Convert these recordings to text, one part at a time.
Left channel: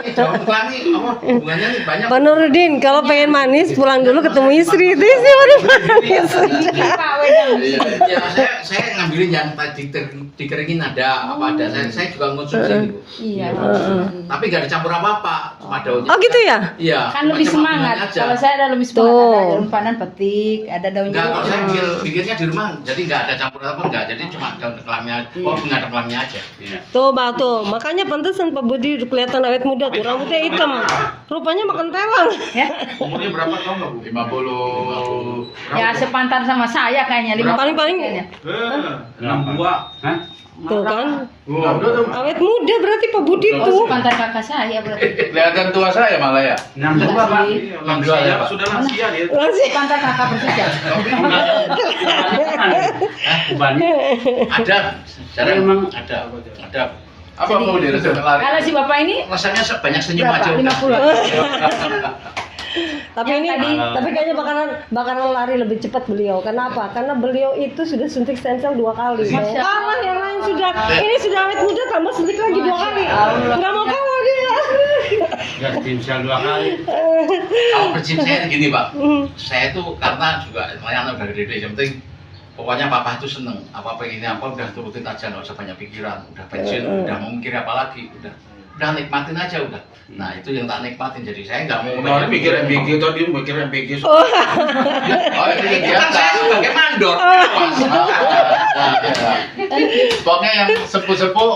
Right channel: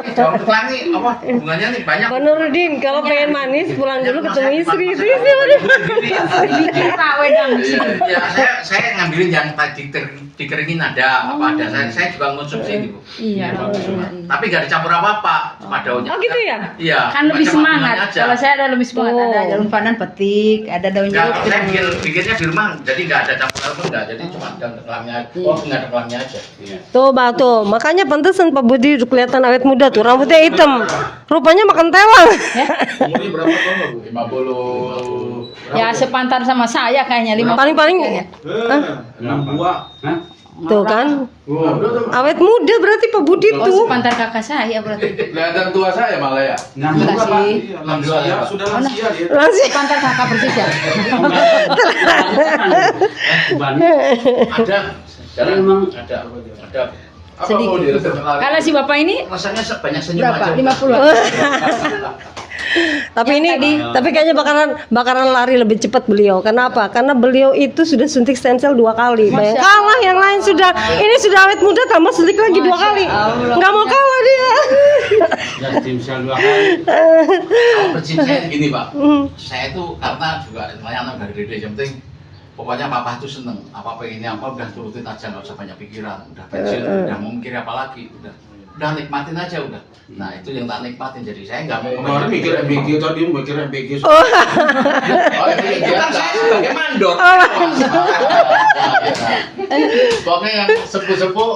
Daun telang nih, apa hubungannya nih banyak. Pak Nurudin, kalau pengen manis pulang dulu ketemu istri itu sih baru manis. Ya, saya ngambilin yang tadi dikeringin ada apa ada. Saya juga ngonsumsi itu. Iya. Tapi nggak dicampur apa-apa, cuma daunnya. Oh gitu ya? Iya. Kan lebih cuma semangat. bunganya aja. Kalau saya ada lebih semangat, Tuh. ada daun pandan petik, ada daun Enggak, jeruk. kalau saya bikinnya di rumah, jadi nggak ada campur apa enggak, jadi cuma daun tekelangnya, bunga tekelangnya aja. Iya. Tuh, Bang, tuh. Makanya pantesan Pak Budi kelihatan awet muda tuh, rambutnya hitam. Rupanya makan telang. Umurnya berapa tahun Bu? 50. Ya sepantar sama saya kayaknya 50. Paling-paling 62. Hah? tuh kan. Oh, Awet muda berarti Pak Budi Oh, tuh. sepantar kakak saya berarti. Kelihatan tua saya malah ya. 62 Pak. Alhamdulillah ya, Pak. Sudah lansia dia. Langsung Sepantar kakak persis ya. Ubannya. ada. Jarang Emang ada. Ada. Apa mau diresep lari? Kalau si bapak ini Rasanya banyak senyum aja. berapa? 50. Tapi ini tapi kayaknya bakaran lari lebih cepat beliau. Kenapa? Karena beliau itu sudah suntik stem cell 2 kali. Bayang kalah yang lain sudah. Ini sudah awet muda tambah suntik lagi 2 kali. Nggak mau kalah dia. enggak timsel 2 kali. Kalau prinsip saya gini Pak, saya tuh karena juga anak udah gede, yang penting pokoknya papa tuh seneng apa pengennya apa udah turutin aja, nggak usah banyak pikiran, udah pensiun, udah mau mikir apa lagi, udah nikmatin aja udah. Nah itu yang tak nikmatin, jadi saya nggak mau Kemarin mikir MBG tadi mikir MBG. Oh ini kan saya sebagai mandor. Pokoknya yang sepuh-sepuh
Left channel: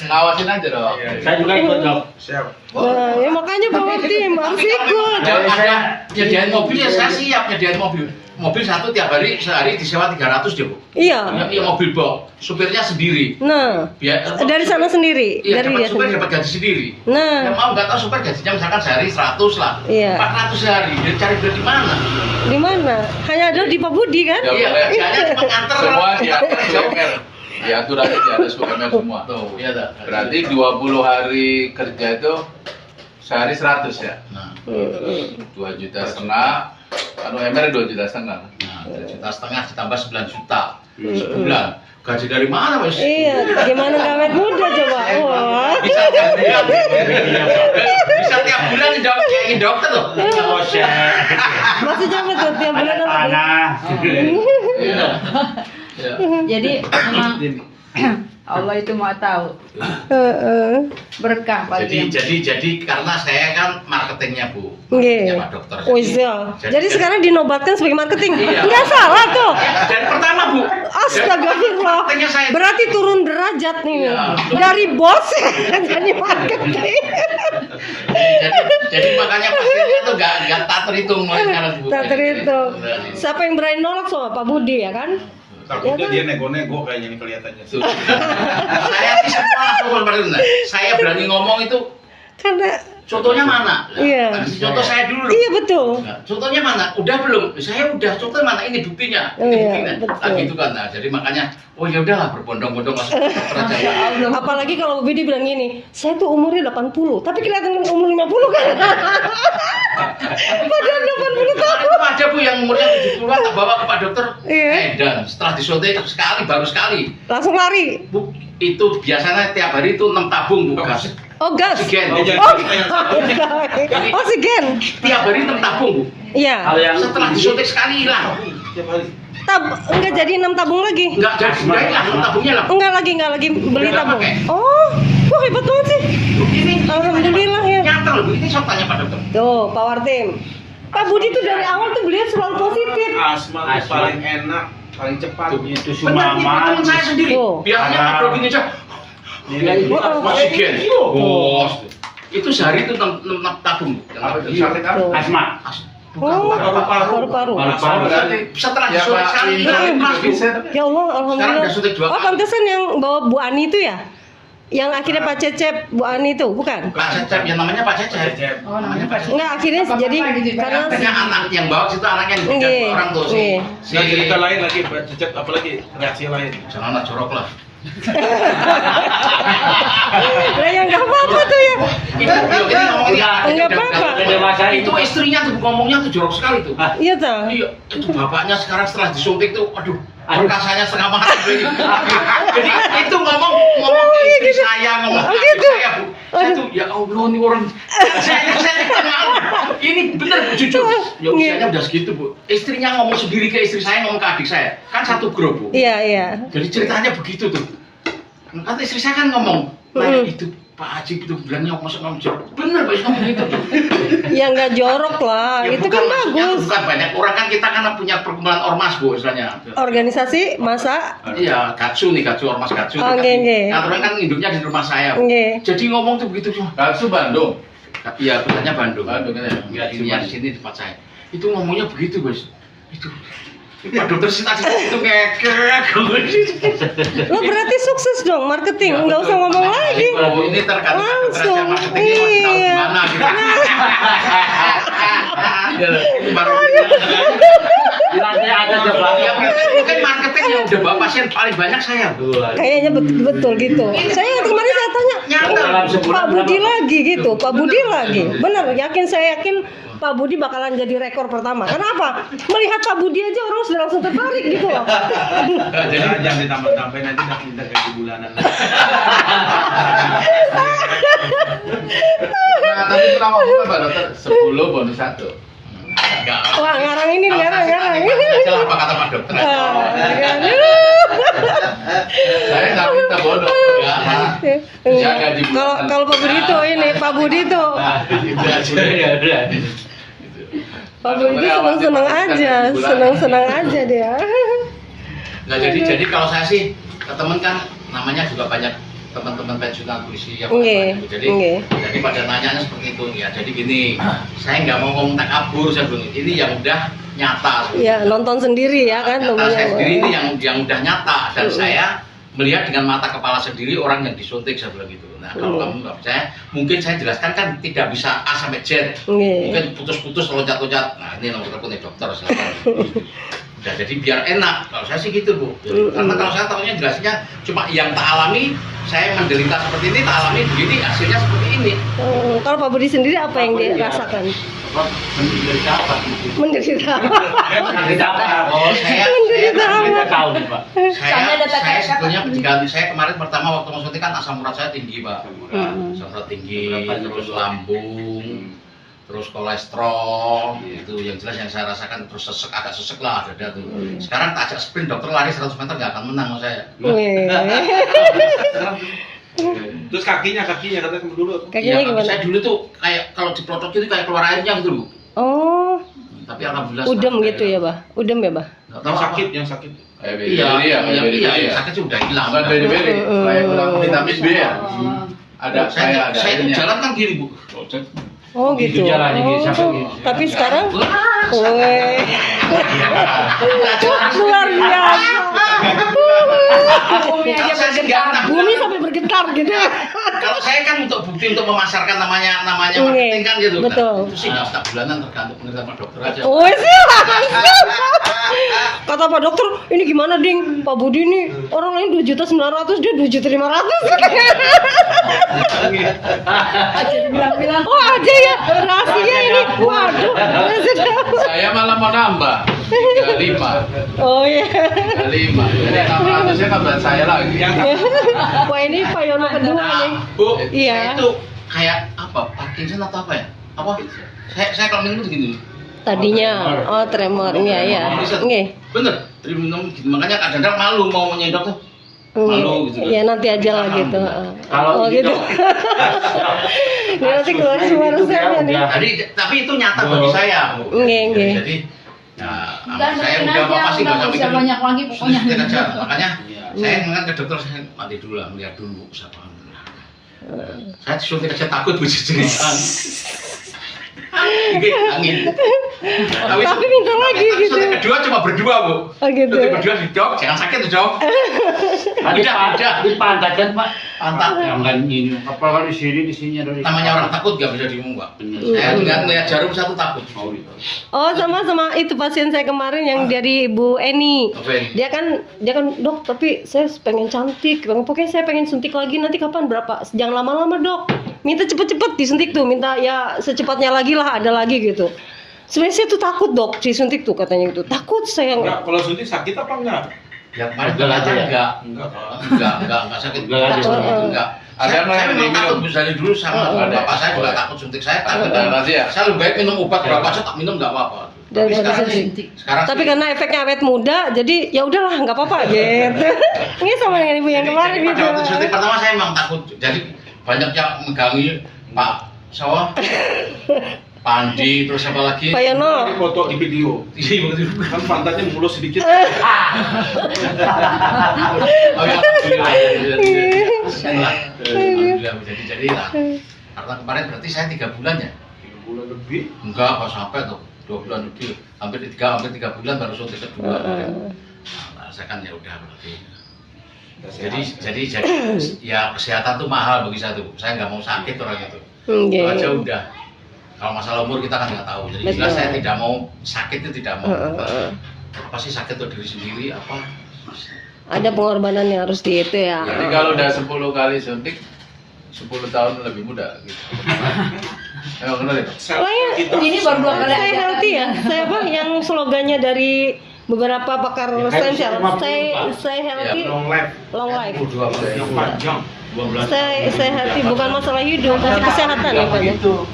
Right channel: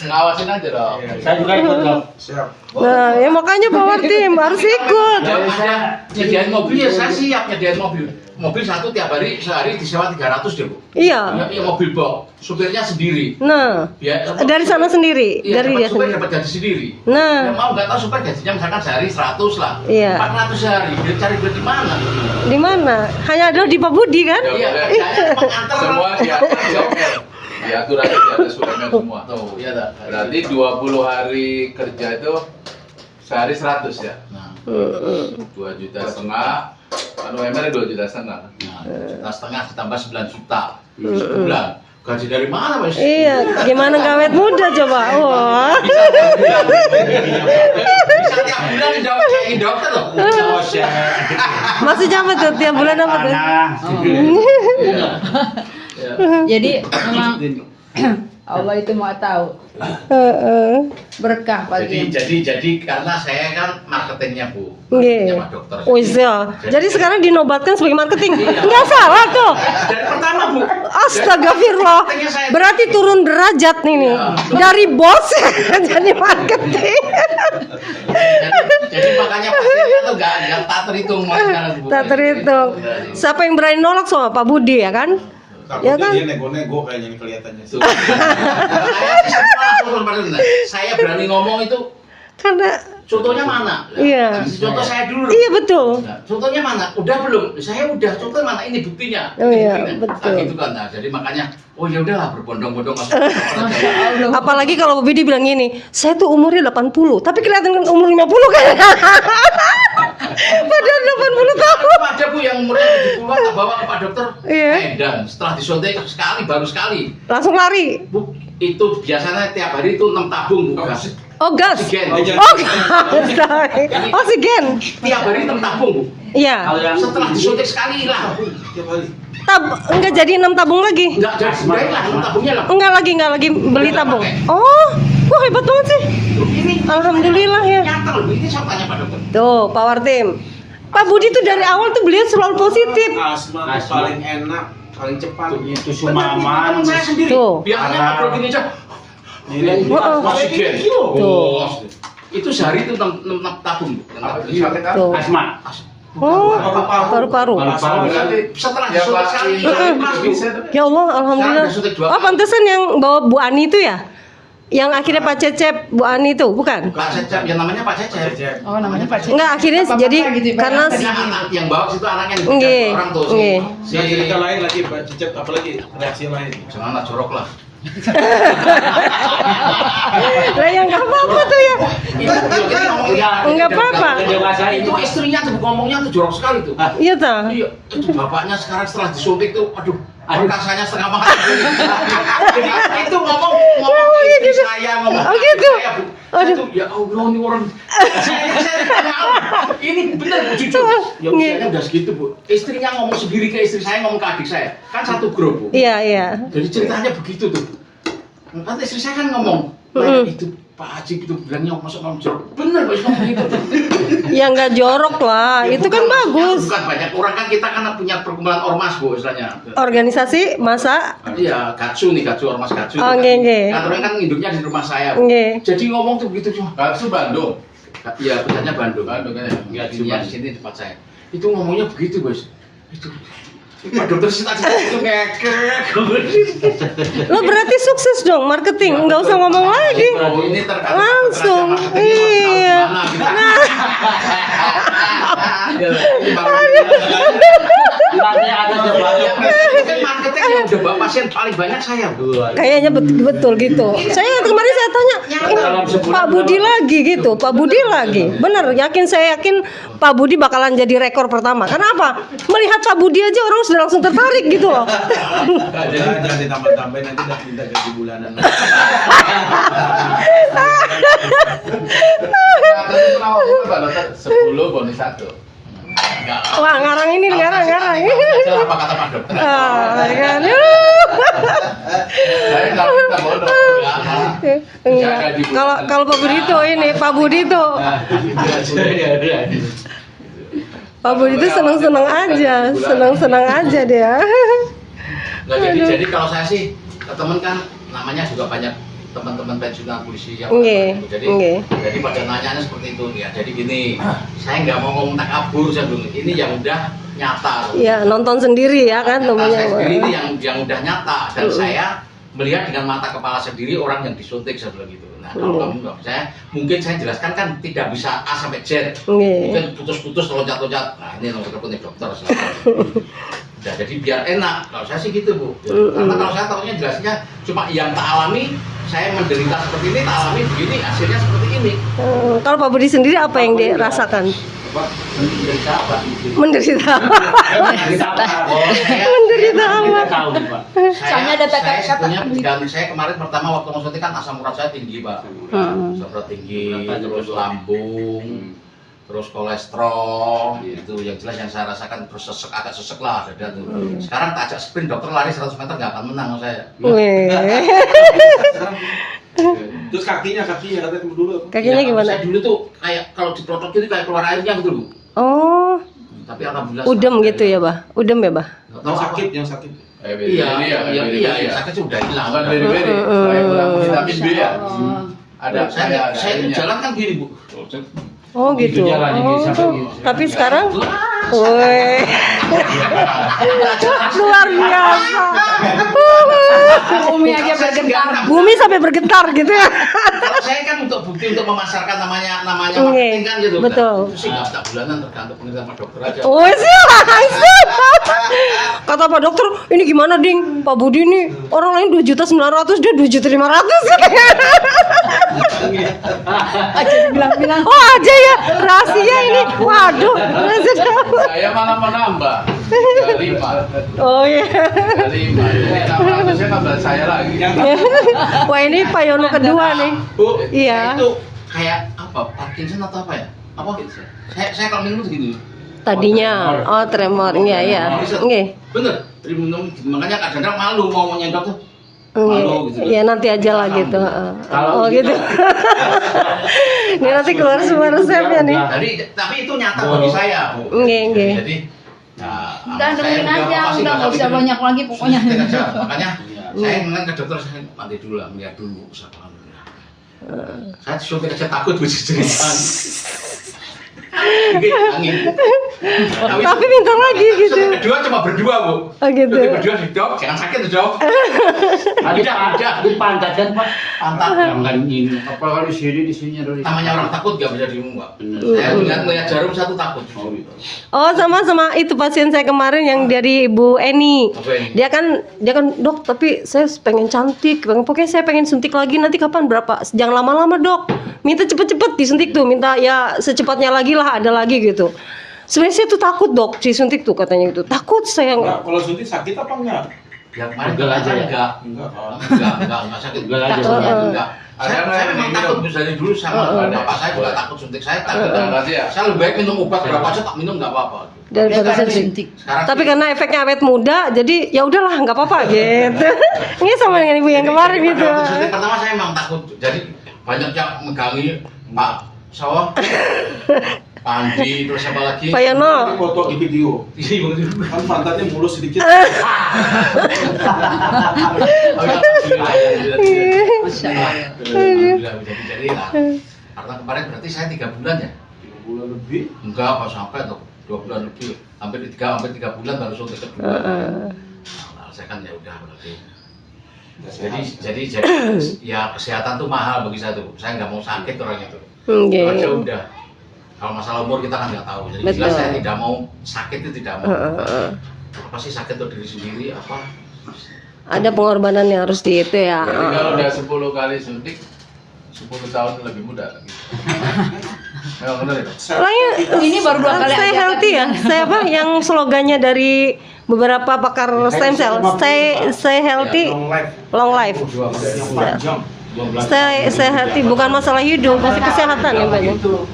ngawasin aja dong. Saya juga ikut dong. Siap. Nah, ya makanya Power Team harus ikut. Kalau ada nyediain mobil ya saya siap nyediain mobil. Mobil satu tiap hari sehari disewa 300 ya Bu. Iya. Ya mobil box, supirnya sendiri. Nah, Biar dari sana sendiri, Iya, dari dapat dia supir sendiri. dapat gaji sendiri. Nah. Yang mau nggak tahu supir gajinya misalkan sehari 100 lah. Iya. 400 sehari. Dia cari duit di mana? Di mana? Hanya ada di Pak Budi kan? Ya Iya, boleh. kerjanya cuma nganter. Semua diatur di UMR. Diatur aja di atas UMR semua. Tuh, iya dah. Berarti 20 hari kerja itu sehari 100 ya. Nah, 2,5 juta. Anu UMR 2,5 juta. nah, 2,5 juta ditambah 9 juta sebulan. Gaji dari mana, Mas? Iya, gimana nggak awet muda coba? Wah. Bisa tiap bulan. Bisa tiap bulan jadi dokter loh. Maksudnya apa tuh? Tiap bulan apa tuh? Iya. Iya. Jadi memang Allah itu mau tahu berkah pasti. Jadi karena saya kan marketingnya Bu, Nggih. Pak dokter. Oh iya. Jadi sekarang dinobatkan sebagai marketing. Nggak salah tuh. Dari pertama Bu. Astagfirullah. Berarti turun derajat nih nih. Dari bos jadi marketing. Jadi makanya pastinya tuh nggak tak terhitung sekarang Bu. Tak terhitung. Siapa yang berani nolak sama Pak Budi ya kan? Ya Takutnya kan? dia nego-nego kayaknya ini kelihatannya. Saya berani ngomong itu Karena contohnya mana? Iya. Contoh saya dulu. iya betul. Nah, contohnya mana? Udah belum? Saya udah. Contohnya mana? Ini buktinya. Oh iya, Buktinya. betul. Nah, gitu kan. Nah, jadi makanya, oh ya udahlah berbondong-bondong masuk ke dokter aja. Apalagi kalau Pak Budi bilang gini, saya tuh umurnya 80, tapi kelihatan kan umur 50 kan? Padahal 80 tahun. Ada Bu yang umurnya 70-an tak bawa ke Pak dokter. Iya. Dan setelah disuntik sekali, baru sekali. Langsung lari. Bu, itu biasanya tiap hari itu 6 tabung Bu gas. Oh gas. Oksigen. Oh oksigen. Tiap hari 6 tabung Bu. Iya. Kalau yang Setelah disuntik sekali hilang. tiap hari. Enggak jadi 6 tabung lagi. Enggak jadi, udah hilang 6 tabungnya lah. Enggak lagi beli Udah tabung. pakai. Oh, wah hebat banget sih. Ini Alhamdulillah ya. nyata loh, Bu. Ini saya tanya Pak dokter. Tuh, Power Team. Pak Budi tuh dari awal tuh beliau selalu positif. Asma tuh paling enak, paling cepat. Itu Benar, ini Sumaman. teman saya sendiri. Tuh. Biasanya ngobrol gini aja. Oksigen. Oh. Itu sehari itu 6 tabung Bu. Apa itu sakit apa? Tuh. Asma. Oh, paru-paru. Berarti setelah Ya, disuntik Pak, sekali ini hilang Mas Bu. bisa. Ya Allah, Sekarang alhamdulillah. udah suntik 2 Oh, kali. pantesan yang bawa Bu Ani itu ya? Yang akhirnya Pak Cecep, Bu Ani itu, bukan? Pak Cecep, yang namanya Pak Cecep. Oh, namanya Pak Cecep. Enggak, akhirnya Bapak jadi gitu, Pak. karena Punya anak yang bawa situ anaknya yang Nggih, beda orang tuh nggih. Dan cerita lain lagi, Pak Cecep, apalagi reaksi lain. Jangan lah jorok lah. lah ya nggak apa-apa tuh ya. Ini ngomongnya Enggak apa-apa. Udah dewasa Itu istrinya tuh ngomongnya tuh jorok sekali tuh. Iya toh. Iya, itu bapaknya sekarang setelah disuntik tuh, aduh, perkasanya setengah mati. Jadi itu ngomong ke istri saya, ngomong ke Oh, adik gitu. saya Bu. Saya tuh ya Allah ini orang. Saya tanya, ini benar Bu, jujur. Ya usianya udah segitu Bu. Istrinya ngomong sendiri ke istri saya, ngomong ke adik saya. Kan satu grup Bu. Iya. Jadi ceritanya begitu tuh. Kan istri saya kan ngomong, nah itu Pak Haji itu bilangnya masuk ngomong jorok. Bener Pak ngomong gitu. Ya nggak jorok lah, Ya, itu kan bukan, maksudnya bagus. Bukan banyak orang kan kita kan punya perkumpulan ormas Bu istilahnya. Organisasi masa Iya, Gatsu nih, ormas Gatsu. Oh, nggih. Kantornya kan induknya di rumah saya. nggih. Jadi ngomong tuh begitu cuma. Gatsu Bandung. Iya, betulnya Bandung. Bandung kan ya. Iya, sini tempat saya. Itu ngomongnya begitu, Bos. Itu Pak dokter sih tadi itu ngekek. Lo berarti sukses dong marketing, nggak usah ngomong lagi. Oh, ini tergantung Langsung, marketingnya mau ditaruh di iya. mana gitu. Ini Nanti ada coba. Ya, mungkin marketing yang udah bawa pasien paling banyak saya, Bu. Kayaknya betul gitu. Saya kemarin saya tanya, Pak Budi lagi gitu, Pak Budi lagi. Bener, saya yakin Pak Budi bakalan jadi rekor pertama. Kenapa? Melihat Pak Budi aja orang sudah langsung tertarik gitu loh. Jangan ditambah-tambahin nanti udah minta gaji bulanan. Nah, tapi pertama Pak dokter 10 bonus 1. Enggak. Wah, ngarang ini, ngarang. Salah apa kata Pak dokter? Ah, kan. Saya nggak minta bonus. Enggak. Kalau Pak Budi itu ini, Pak Budi itu Pak Budi itu senang-senang aja dia. Nggak, jadi kalau saya sih ke temen kan namanya juga banyak teman-teman pensiunan polisi yang Nggih, jadi nggih. jadi pada nanyanya seperti itu ya. Jadi gini, saya nggak mau ngomong takabur, saya bilang ini yang udah nyata. Ya nonton sendiri ya kan Nyata, namanya. saya sendiri ini yang udah nyata dan saya melihat dengan mata kepala sendiri orang yang disuntik, saya bilang gitu. Nah kalau kamu nggak percaya, mungkin saya jelaskan kan tidak bisa A sampai Z, Nggih. mungkin putus-putus loncat-loncat. Nah ini nomor telepon dokter silakan. Udah, jadi biar enak. Kalau saya sih gitu Bu. Karena kalau saya tahunya jelasnya cuma yang tak alami, saya menderita seperti ini, tak alami begini, hasilnya seperti ini. Kalau Pak Budi sendiri apa yang dirasakan? Menderita apa? Menderita. Menderita apa? Menderita apa? Tahu Pak. Saya sebetulnya ganti saya kemarin pertama waktu mau suntik kan asam urat saya tinggi Pak. Asam urat tinggi, terus lambung, terus kolesterol, itu yang jelas yang saya rasakan, terus agak sesek lah dada tuh. Sekarang tak ajak sprint dokter lari 100 meter nggak akan menang sama saya. Wih. Terus kakinya katanya dulu. Kakinya Iya, gimana? Saya dulu tuh kayak kalau diprotok gitu kayak keluar airnya gitu Bu. Oh, Tapi alhamdulillah. udem gitu ya, Bah? Udem ya, Bah? Nggak tahu Yang sakit. Iya, sakit sudah hilang. Bukan beri-beri. Saya kurang vitamin B ya. Ada Saya jalan kan gini Bu. Oh gitu. jalannya gitu, sampai Oh, gitu. tapi sekarang, woi, luar biasa. Umi aja bergetar. Bumi sampai bergetar gitu ya. Kalau saya kan untuk bukti untuk memasarkan namanya Oke, marketing kan gitu. betul. Nah, itu sih nggak setiap bulanan tergantung penelitian sama dokter aja. Oh sih langsung. Kata Pak Dokter, ini gimana Ding? Pak Budi nih orang lain 2.900.000 dia 2.500.000. Bilang-bilang. Oh aja ya rahasia ini. Waduh. Saya malah mau nambah 35. Oh iya. 35. Jadi 600-nya kan buat saya lagi. Wah ini Pak Yono kedua nih. Bu, Iya. itu kayak apa? Parkinson atau apa ya? Apa? Saya kalau minum tuh gini. Tadinya, oh tremor, iya. Nggih. Bener, minum gitu. Makanya kadang-kadang malu mau nyendok tuh. Malu gitu. Iya nanti aja lah gitu. Kalau Oh gitu. Ini nanti keluar semua resepnya nih. Jadi, tapi itu nyata bagi saya. Bu. Nggih. Jadi, nah, Udah saya dengerin udah aja, apa sih udah nggak usah banyak lagi pokoknya. Suntik aja. Makanya saya ingat ke dokter, saya mati dulu lah, melihat dulu siapa. Saya disuntik aja takut Bu cerita. Angin. Tapi minta lagi gitu. Suntik kedua cuma berdua Bu. Oh gitu. Suntik berdua di dok, jangan sakit tuh dok. ada di pantat kan Pak. Pantat. Jangan ini. Apa kalau di sini ada. Namanya orang takut gak bisa diomong Pak. Saya ngeliat jarum satu takut. Oh sama itu pasien saya kemarin yang dari Ibu Eni. Apa ini? Dia kan dok tapi saya pengen cantik, pokoknya saya pengen suntik lagi nanti kapan berapa? Jangan lama-lama dok, minta cepet-cepet disuntik tuh, minta ya secepatnya lagi lah ada lagi gitu. Sebenarnya saya tuh takut dok disuntik tuh katanya itu takut saya. Nah, kalau suntik sakit apa enggak? yang kemarin Pegal aja ya? enggak sakit. Pegal aja. Enggak. Ada yang Saya memang minum. takut dari dulu sama bapak saya juga takut suntik. Saya takut. Saya lebih baik minum obat berapa aja tak minum enggak apa-apa. Daripada Sekarang suntik. Sekarang Tapi karena efeknya awet muda, jadi ya udahlah nggak apa-apa gitu. Ini sama dengan ibu yang kemarin jadi gitu. pada waktu suntik pertama saya memang takut. Jadi banyak yang megangi Pak Sawah, Pak Andi, terus apa lagi? Pak Yono. Foto di video. Iya, betul. Kan pantatnya mulus sedikit. Oh ya, alhamdulillah. Jadi lah. Karena kemarin berarti saya 3 bulan ya? 3 bulan lebih. Enggak, pas sampai tuh 2 bulan lebih. Hampir 3 bulan baru suntik kedua. Nah, saya kan ya udah berarti. Jadi ya kesehatan tuh mahal bagi saya tuh. Saya nggak mau sakit orang itu. Itu aja udah. Kalau masalah umur kita kan nggak tahu. Jadi Betul. jelas saya tidak mau sakit itu tidak mau. Apa sih sakit tuh diri sendiri apa? Ada pengorbanan yang harus di itu ya. Jadi kalau udah 10 kali suntik 10 tahun lebih muda gitu. Memang benar itu. Ini baru 2 kali Stay aja. healthy ya. Saya apa yang slogannya dari beberapa pakar stem cell. Stay healthy, Long life. long life. Yang panjang. 12 Stay healthy bukan masalah hidup, tapi kesehatan ya Pak. Itu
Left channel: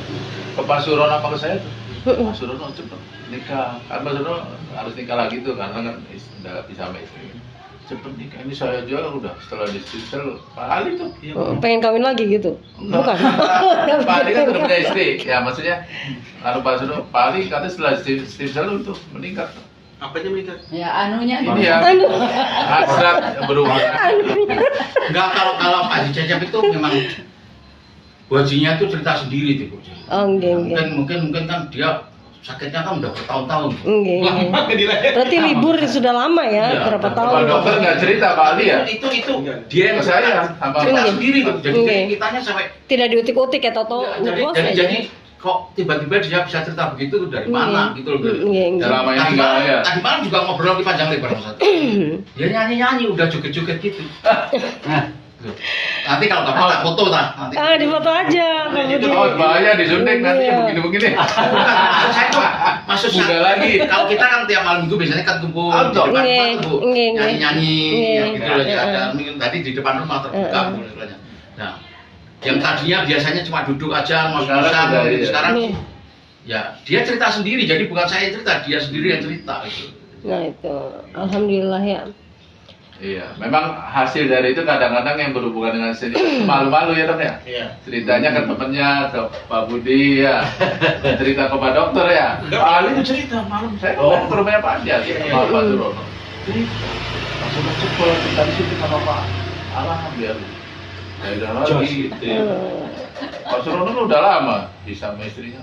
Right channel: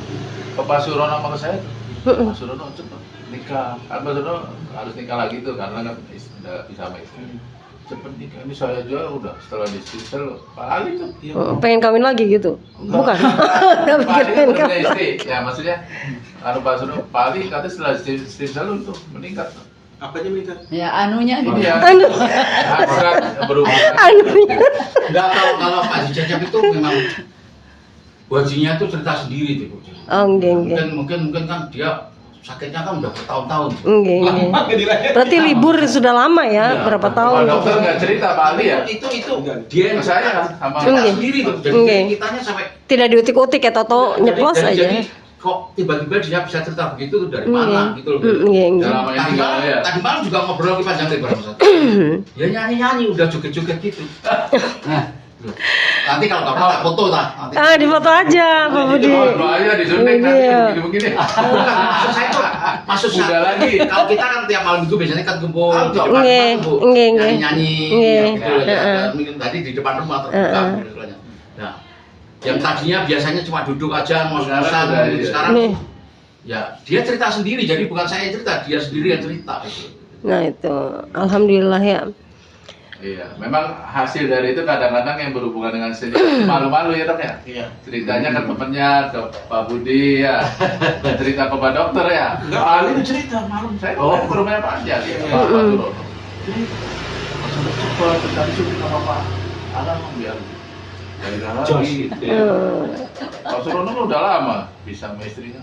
ke Pak Surono apa ke saya tuh. Pak Surono cepet nikah. Kan Pak Surono harus nikah lagi tuh karena kan udah bisa sama istri. Cepet nikah. Ini saya aja udah setelah di stem Pak Ali tuh. Pengen kawin lagi gitu? Bukan. Pak Ali kan udah punya istri. Ya maksudnya kalau Pak Surono, Pak Ali katanya setelah stem itu meningkat. Apanya menikah? Ya anunya Ini ya. Aduh. Hasrat berhubungan. Enggak, kalau Pak Jajab itu memang bajinya itu cerita sendiri tuh Bu. Oh, enggak. Mungkin kan dia sakitnya kan udah bertahun-tahun. Enggak. Berarti libur sudah lama ya, Iya. berapa Pak tahun? dokter nggak cerita Pak Ali ya. Itu Dia yang saya sama cerita Enggak. sendiri tuh. Jadi Enggak. kitanya sampai Tidak diutik-utik ya, Toto nyeplos aja. jadi kok tiba-tiba dia bisa cerita begitu tuh dari mana gitu loh. Enggak. selama ini nggak ya. Tadi malam juga ngobrol lagi panjang lebar sama satu. Ya nyanyi-nyanyi udah joget-joget gitu. Tuh. Nanti kalau nggak tak foto tak nanti. Ah, di foto aja, Pak Budi. Oh bahaya disuntik nanti Iya. begini-begini. Maksud saya tuh, maksud Udah saya lagi. kalau kita kan tiap malam minggu biasanya kan kumpul di depan Nge, rumah tuh, Bu. nge. Nyanyi-nyanyi Nge. ya gitu loh ya. Heeh. Dan tadi di depan rumah terbuka Bu, istilahnya. Nah, yang tadinya biasanya cuma duduk aja ngos-ngosan Sekarang udah, gitu. iya. Sekarang Nih. ya dia cerita sendiri, jadi bukan saya yang cerita, dia sendiri yang cerita gitu. Nah itu, alhamdulillah ya. Iya, memang hasil dari itu kadang-kadang yang berhubungan dengan seni malu-malu ya dok ya. Iya. Ceritanya ke temennya, ke Pak Budi ya, cerita ke Pak Dokter ya. Enggak. Pak Ali itu cerita malam saya kemarin ke rumahnya Pak Andi sama Pak Surono. Jadi Pak Surono cepet kita disuntik sama Pak Arah biar ya udah lagi gitu. Ya. Pak Surono kan udah lama bisa sama istrinya.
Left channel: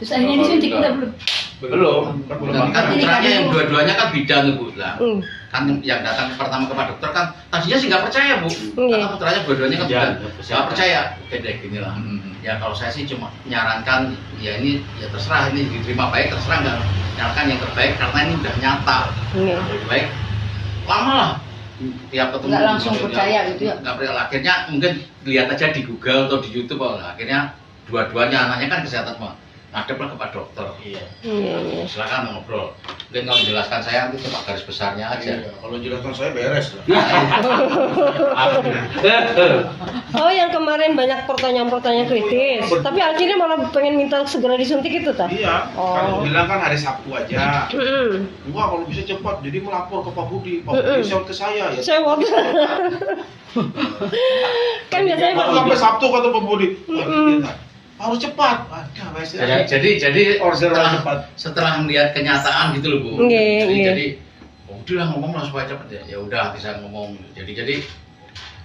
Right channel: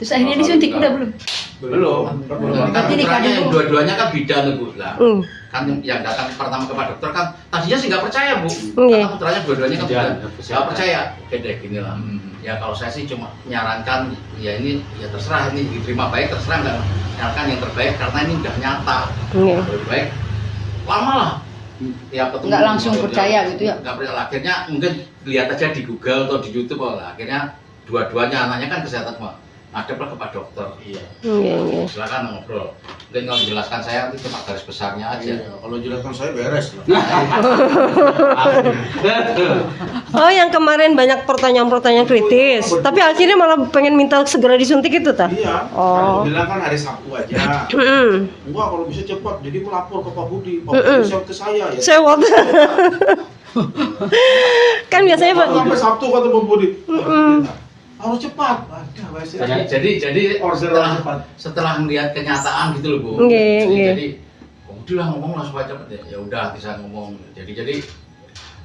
Terus akhirnya disuntik udah belum? Belum. Dan kan Jadi putranya kan yang Bu. dua-duanya kan bidan tuh Bu. Lah. Hmm. Kan yang datang pertama ke Pak Dokter kan tadinya sih nggak percaya Bu. Iya. Karena putranya dua-duanya kan Iya, bidan. kesehatan. Nggak percaya. Oke deh gini lah. Ya kalau saya sih cuma nyarankan ya ini ya terserah ini diterima baik terserah nggak nyarankan yang terbaik karena ini udah nyata. Iya. Lebih baik lama lah tiap ketemu Nggak langsung percaya gitu ya? nggak percaya. Akhirnya mungkin lihat aja di Google atau di YouTube akhirnya dua-duanya anaknya kan kesehatan semua ngadeplah ke Pak Dokter. Iya. Iya. Silakan ngobrol. Mungkin kalau jelaskan saya nanti cuma garis besarnya aja. Iya, kalau jelaskan saya beres lah. Oh, yang kemarin banyak pertanyaan-pertanyaan kritis, tapi akhirnya malah pengen minta segera disuntik itu tah? Iya, Oh. kan bilang kan hari Sabtu aja. Enggak, kalau bisa cepat. Jadi melapor ke Pak Budi. Pak Budi share ke saya ya. Sewot. Kan biasanya Pak. Sampai Sabtu kata Pak Budi. Harus cepat. Ada wes. Jadi Orderan cepat. setelah melihat kenyataan gitu loh Bu. Nggih, nggih. Jadi oh, udahlah ngomong lah supaya cepet ya. Ya udah bisa ngomong. Jadi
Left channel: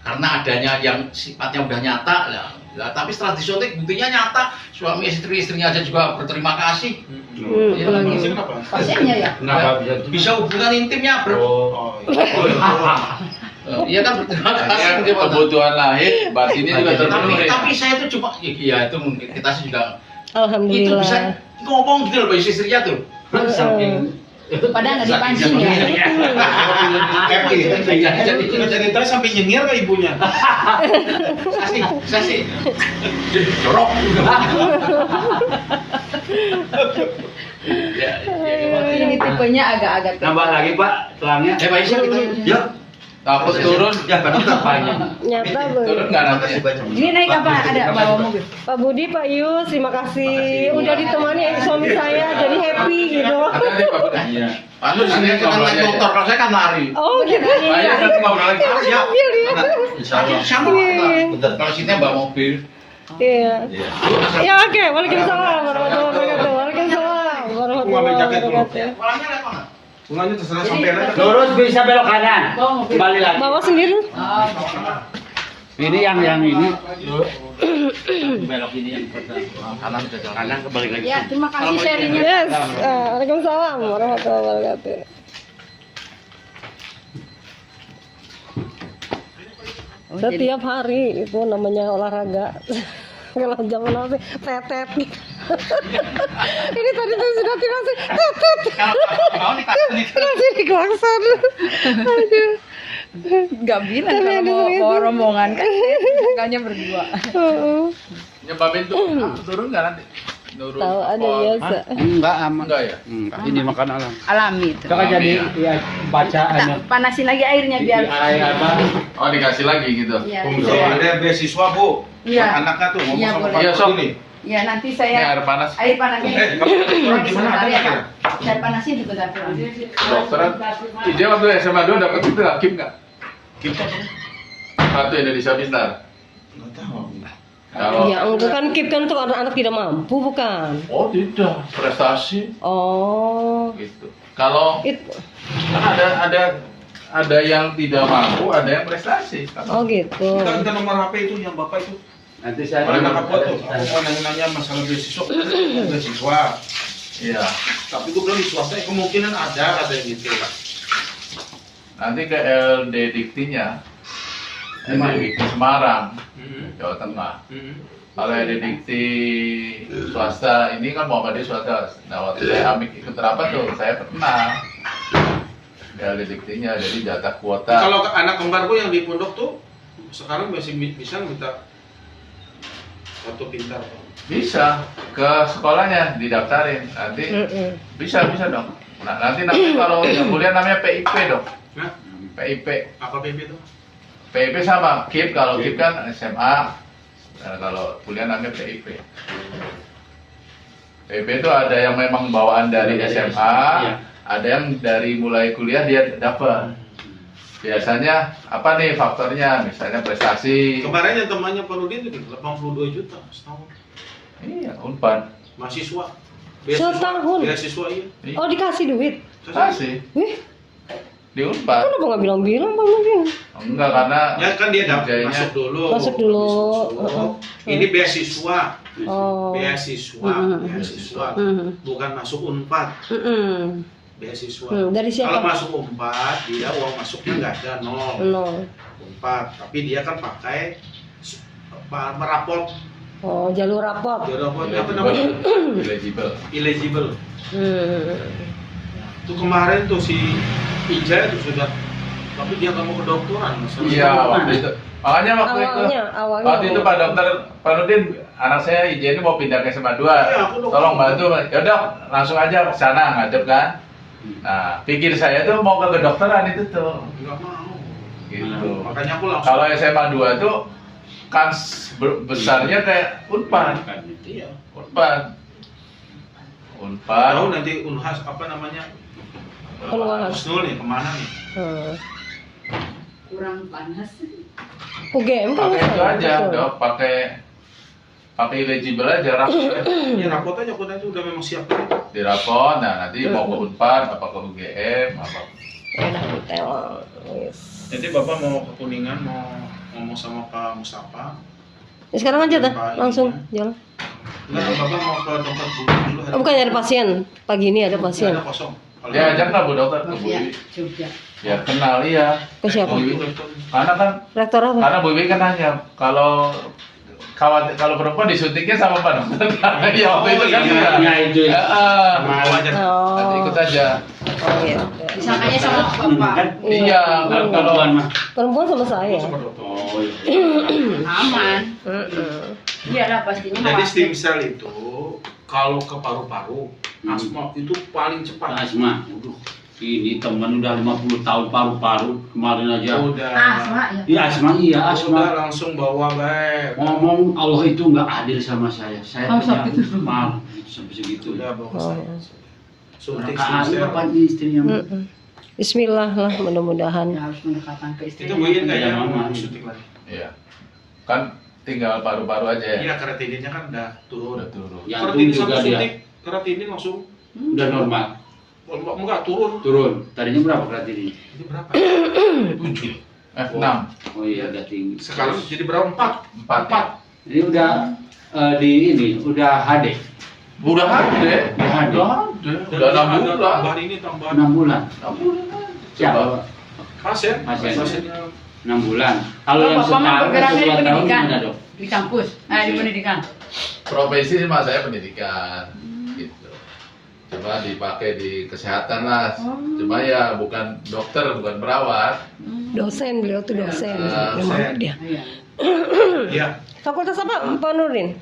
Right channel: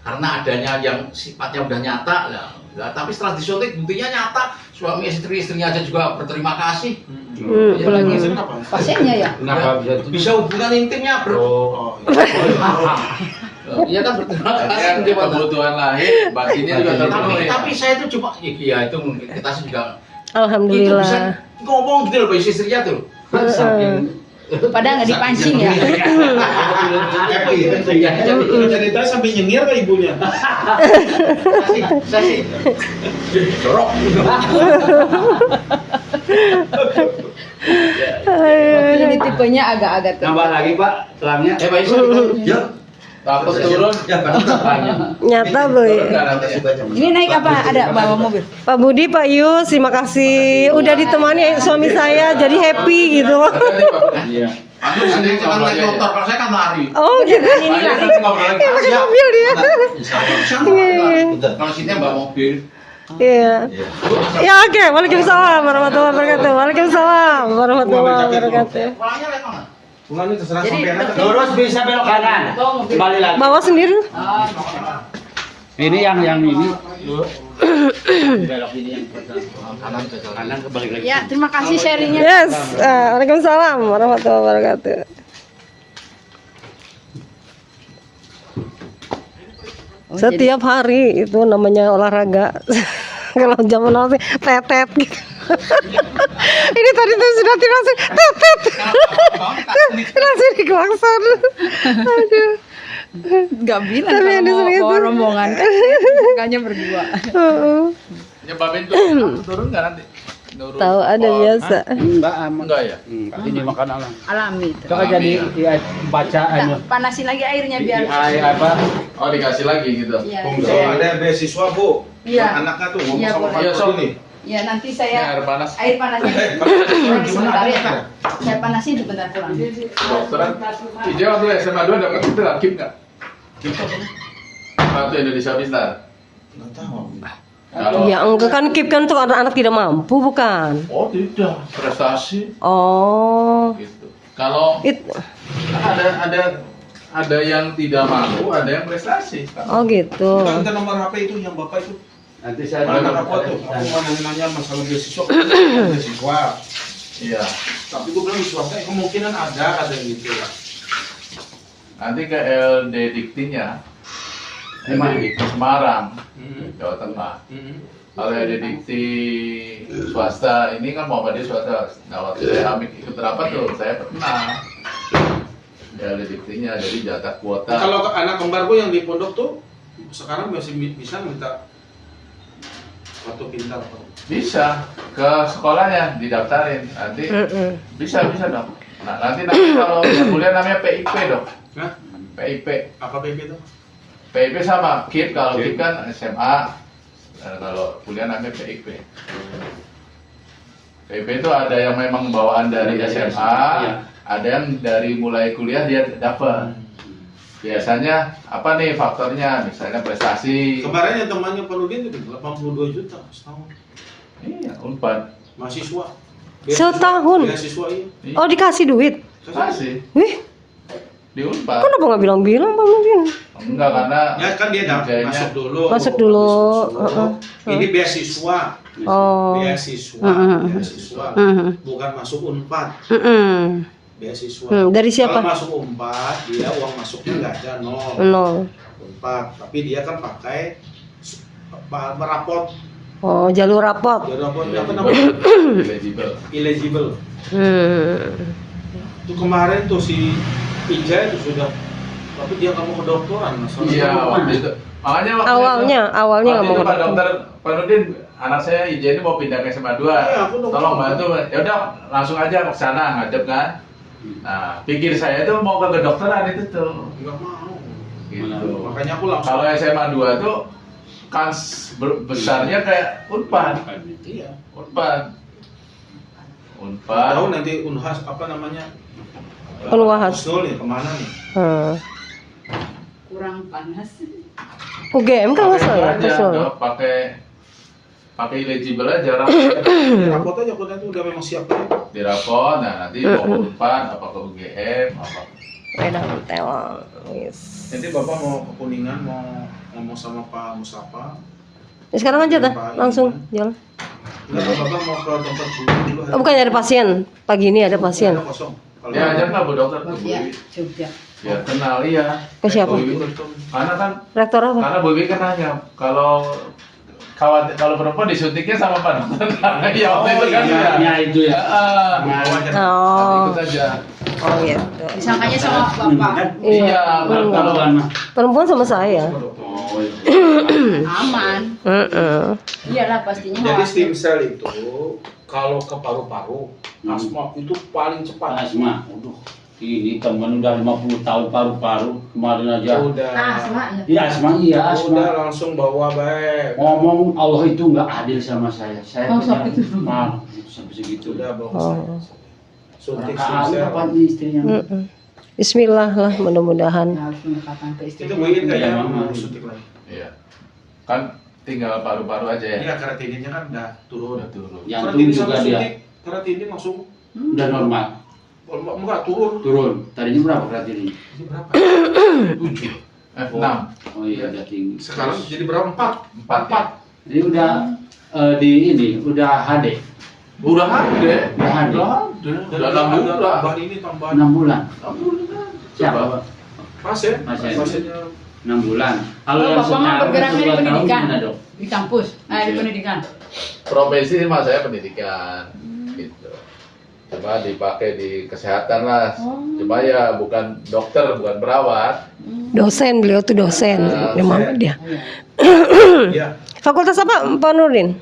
karena adanya yang sifatnya udah nyata lah, tapi setelah disuntik buktinya nyata suami istrinya aja juga berterima kasih. Ya, Maksudnya kenapa? Pasiennya ya? Kenapa bisa bisa hubungan intimnya bro. Oh, iya. Iya kan berterima kasih. Kan kebutuhan lahir batinnya juga terpenuhi. Tapi saya itu cuma ya itu mungkin kita sih juga itu Alhamdulillah. bisa ngomong gitu loh Pak istrinya tuh. Padahal nggak dipancing ya? Happy. Jadi tadi sampai nyengir ke ibunya. Saya sih jorok. Ini tipenya agak-agak Nambah lagi Pak, tulangnya. Pak Isu Ya, dapat turun. ya Pak Dokter. Banyak. Nyata boy. Terima kasih banyak. Ini naik apa? Ada bawa mobil. Pak Budi, Pak Yus, terima kasih udah ditemani suami saya jadi happy gitu. Hati-hati, Pak Budi. Iya. Anu sini kan naik motor, kalau saya kan lari. Oh gitu. Banyak kan ngobrol lagi. Ya, Mobil dia. kalau sini bawa mobil. Iya. Ya oke, waalaikumsalam warahmatullahi wabarakatuh. Waalaikumsalam warahmatullahi wabarakatuh. Pulangnya lewat mana? Pulangnya terserah sampean aja. Lurus bisa belok kanan. Kembali lagi. Bawa sendiri. Ini yang ini. Belok ini yang pertama. Kanan kembali lagi. Ya, terima kasih sharingnya. Yes. Waalaikumsalam warahmatullahi wabarakatuh. Setiap hari itu namanya olahraga. Kalau zaman now sih tetet gitu. Ini tadi tuh sudah langsung tetet. Langsung dikelakson. Aduh. Gak bilang Tapi kalau ada mau serius. bawa rombongan kan. Makanya berdua. Heeh. Ya Babin tuh turun nggak nanti? Nurun. Tahu ada biasa. Enggak aman. Enggak ya? Enggak. Ini makan alam. Alami itu. Kita kan jadi ya baca anu. Panasin lagi airnya biar. Air apa? Oh dikasih lagi gitu. Iya. So, ada beasiswa Bu. Iya. Buat anaknya tuh ngomong Iya, sama boleh. Pak Iya, Dokter Sob. nih. Ya nanti Ini saya air panas. air panasnya. Gimana Sebentar ada ya. nggak? Saya panasin sebentar pulang. Dokter, Ija waktu SMA 2 dapat itu nggak KIP nggak? Kita apa? Kartu Indonesia Pintar. Nggak tahu. Kalau Ya enggak kan KIP kan untuk anak-anak tidak mampu bukan? oh tidak prestasi Oh. gitu. Kalau It, kan ada yang tidak mampu, ada yang prestasi. oh gitu. Kita minta nomor HP itu yang Bapak itu. Nanti saya Oleh anak aku tuh, aku mau nanya-nanya masalah beasiswa. Beasiswa. Iya. Tapi gue bilang di swasta kemungkinan ada gitu. Nanti ke LD Diktinya. LD Dikti Semarang, Jawa Tengah. Kalau LD Dikti swasta ini kan Muhammadiyah swasta. Nah waktu saya ambil ikut rapat tuh, saya pernah. Ya LD Diktinya, jadi jatah kuota. Kalau anak kembarku yang di pondok tuh sekarang masih bisa minta kartu pintar tuh. Bisa ke sekolahnya didaftarin nanti bisa dong. Nah nanti kalau kuliah namanya PIP dong. Nah, PIP apa PP itu? PIP sama KIP, kalau KIP kan SMA. Nah, kalau kuliah namanya PIP. PIP itu ada yang memang bawaan dari SMA, ada yang dari mulai kuliah dia dapat. Biasanya apa nih faktornya? Misalnya prestasi. Kemarin yang temannya Pak Nudin itu 82 juta setahun. Iya, Unpad. Mahasiswa. Setahun? Beasiswa iya. Oh dikasih duit. Kasih Wih, di Unpad. kenapa nggak bilang-bilang Pak Mungkin? Enggak karena Ya kan dia kerjanya- masuk dulu. Masuk dulu. Masuk. Ini beasiswa. Oh. Beasiswa, Mhm. beasiswa. Mhm. Bukan masuk Unpad, Mm-mm. beasiswa. Dari siapa? Kalau masuk Unpad, dia uang masuknya nggak ada nol. Nol. Unpad, tapi dia kan pakai merapot. Oh, jalur rapot. Dia rapot apa namanya? Eligible. Eligible. Hmm. Itu kemarin tuh si Ija itu sudah, tapi dia nggak mau kedokteran. masalah Iya, itu. waktu itu. Makanya waktu Awalnya itu mau Pak Dokter Pak Nurdin, anak saya izin mau pindah ke SMA 2. Iya, aku dokter. Tolong bantu. Ya udah, langsung aja ke sana ngadep kan. Nah, pikir saya tuh mau ke kedokteran itu tuh. Nggak mau. Gitu. Makanya aku langsung. Kalau SMA 2 tuh kans besarnya kayak Unpad. Iya. Unpad. Tahu nanti Unhas apa namanya? Unwahas. Husnul nih kemana nih? Kurang panas. UGM kan Pakai itu masalah. aja, udah pakai eligible aja rapot. Ya rapot aja, aku nanti udah memang siap tadi. Di rapot, nah nanti mau ke Unpad, apa ke UGM, apa. Udah tewang. Yes. Nanti Bapak mau ke Kuningan mau ngomong sama Pak Mustafa. Ya, sekarang aja dah, langsung jalan. Enggak, Bapak mau ke dokter Budi dulu. Oh, bukan ada pasien. Pagi ini ada pasien. Ada kosong. Kalau Ya ajak lah Bu Dokter ke Bu Iya, Wiwi. Jogja. Ya kenal iya. Ke siapa? Bu Wiwi. Karena kan Rektor apa? karena Bu Wiwi kan nanya kalau perempuan disuntiknya sama Pak Dokter. Karena ya waktu itu kan iya. Ya itu ya. Nanti Oh, ikut aja. oh gitu. Disangkanya sama bapak. Iya, kan kalau Perempuan mah. Perempuan sama saya. Sama dokter. Oh, iya. Aman. Iyalah pastinya. Jadi khawatir. stem cell itu kalau ke paru-paru, asma itu paling cepat. Asma. Aduh, ini teman udah 50 tahun paru-paru kemarin aja. Udah. Asma ya. Iya asma, iya Udah asma. langsung bawa baik. Ngomong Allah itu nggak adil sama saya. Saya Oh, punya sampai itu. mal sampai segitu. Udah bawa ke Oh. saya. Suntik Rakaat stem apa cell. ini istrinya? Bismillah lah mudah-mudahan. Ya, harus mendekatkan ke istri. Itu mungkin Iya, kayaknya Mama. mau suntik lagi. Iya. Kan tinggal paru-paru aja ya. Iya, keratinnya kan udah turun. Udah turun. Jantung Keratin juga sama dia suntik, keratin langsung udah normal. enggak turun. Turun. Tadinya berapa keratinnya? Ini berapa? 7. 6. Oh iya agak tinggi. Sekarang jadi berapa? 4. 4. Ini udah udah HD. Udah ada. Udah ada. Udah 6 bulan. Tambahan ini tambahan 6 bulan. 6 bulan. Siapa? Coba. Pak? pasien. Pasien. Pasiennya 6 bulan. Kalau Oh, yang Bapak mah setahun bergeraknya atau di 2 tahun pendidikan. gimana dok? Di kampus. Nah, di Iya. pendidikan. Profesi sih mas saya pendidikan gitu. Cuma dipakai di kesehatan lah. Cuma ya bukan dokter, bukan perawat. Dosen, beliau tuh dosen. Memang dia. Iya. Iya. Fakultas apa Pak Nurdin?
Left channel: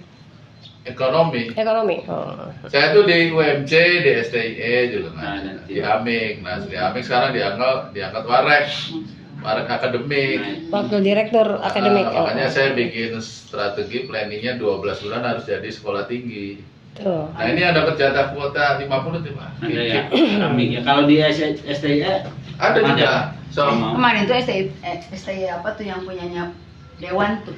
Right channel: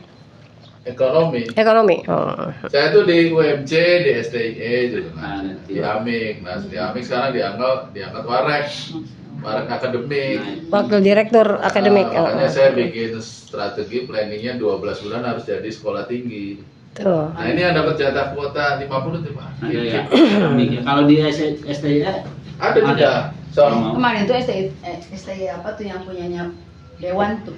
Ekonomi. Ekonomi. Oh. Saya tuh di UMC, di STIE juga Nah, kan. nanti. Di Amik. Nah, di Amik sekarang diangkat Warek. Warek akademik. Wakil Direktur Akademik. Makanya saya bikin strategi planningnya 12 bulan harus jadi sekolah tinggi. Tuh. Nah ini ada jatah kuota 50 nih Pak. Ada ya. Keramik ya. Kalau di STIA Ada juga. So, Kemarin tuh STI apa tuh yang punyanya Dewan tuh.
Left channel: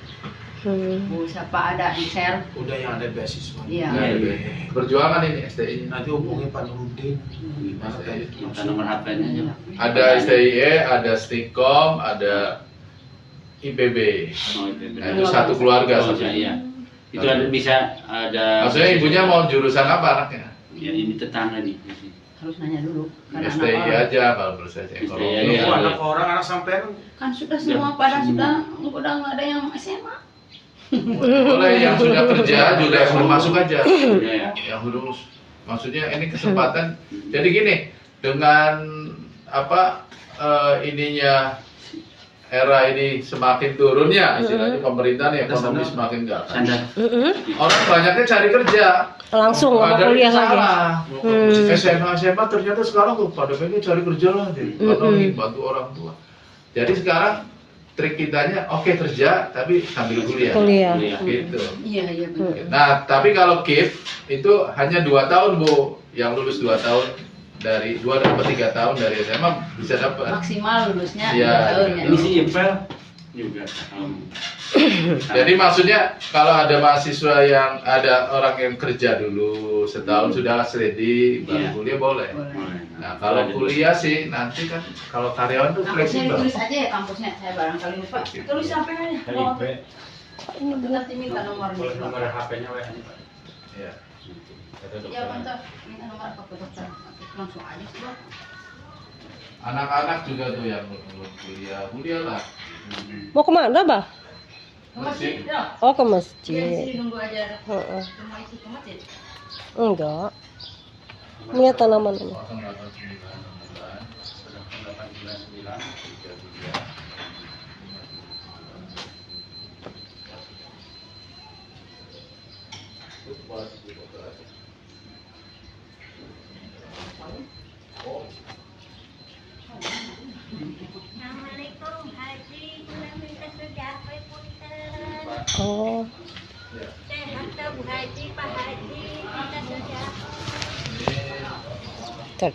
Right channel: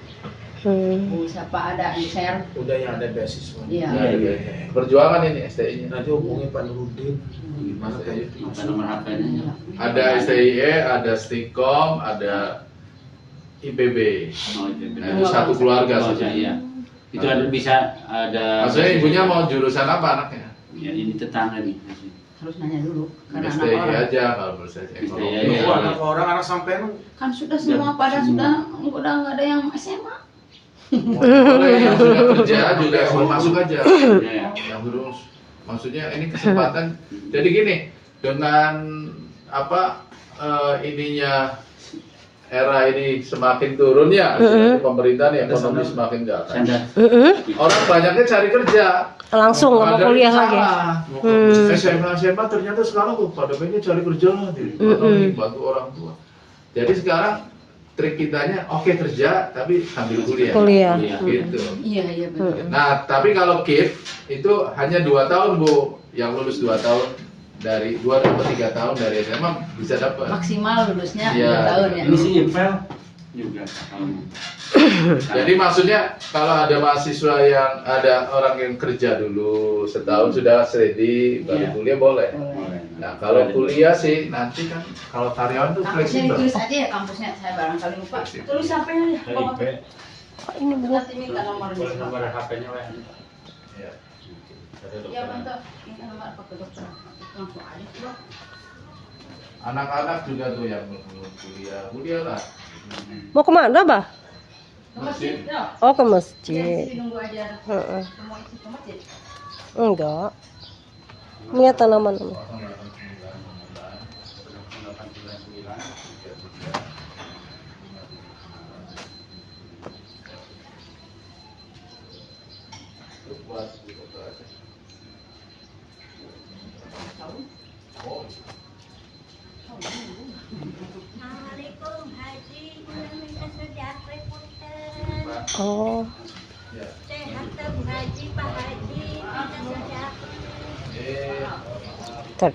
Bu siapa ada yang share? Udah yang ada beasiswa. Iya. Iya. perjuangan ini STI-nya. Nanti hubungin Pak Nurudin. Gimana tadi? minta nomor HP-nya aja. Ada STIE, ada Stikom, ada IPB. Oh, itu. Nah, itu satu keluarga Oh, saja. iya. Itu ada bisa ada. Maksudnya ibunya mau jurusan apa anaknya? Ya ini tetangga nih. Harus nanya dulu. Karena anak STI orang. aja kalau menurut saya STI ekonomi. aja. Lu Iya. anak orang, anak sampean Kan sudah semua pada sudah nggak ada yang SMA. Kalau yang sudah kerja juga yang belum masuk aja. Iya. Yang lulus. Maksudnya ini kesempatan. Jadi gini, dengan apa ininya era ini semakin turun ya, istilahnya pemerintah nih ekonomi semakin enggak. Standar. Orang banyaknya cari kerja. Langsung nggak mau Ada kuliah yang lagi. SMA Hmm. ternyata sekarang tuh pada pengen cari kerja lah, jadi ekonomi bantu orang tua. Jadi sekarang trik kitanya oke kerja tapi sambil kuliah. Kuliah. Iya. Gitu. Iya iya benar. Nah, tapi kalau KIP itu hanya 2 tahun, Bu. Yang lulus 2 tahun dari 2 atau 3 tahun dari SMA bisa dapat. Maksimal lulusnya Iya. 2 tahun ya. Ini si Infel juga. Jadi maksudnya kalau ada mahasiswa yang ada orang yang kerja dulu setahun sudah ready baru Iya. kuliah boleh. Boleh. Nah, kalau kuliah sih nanti kan kalau karyawan tuh Kampusnya fleksibel. ditulis aja ya kampusnya. Saya barangkali lupa. Tulis sampai aja. Bawa. Nanti minta nomornya. Boleh nomor HP-nya WA. Iya. Iya bentar. Minta nomor apa ke dokter. Langsung aja coba. Anak-anak juga tuh yang belum kuliah lah. Mau kemana, Bah? Ke masjid ya. Oh, ke Di masjid. sini nunggu aja ada. Heeh. Semua isi ke masjid. Enggak. Punya tanaman. assalamualaikum Haji, kurang minta sejapai punten. Oh. Sehat dong Haji, Pak Haji, minta sejapai. Tar.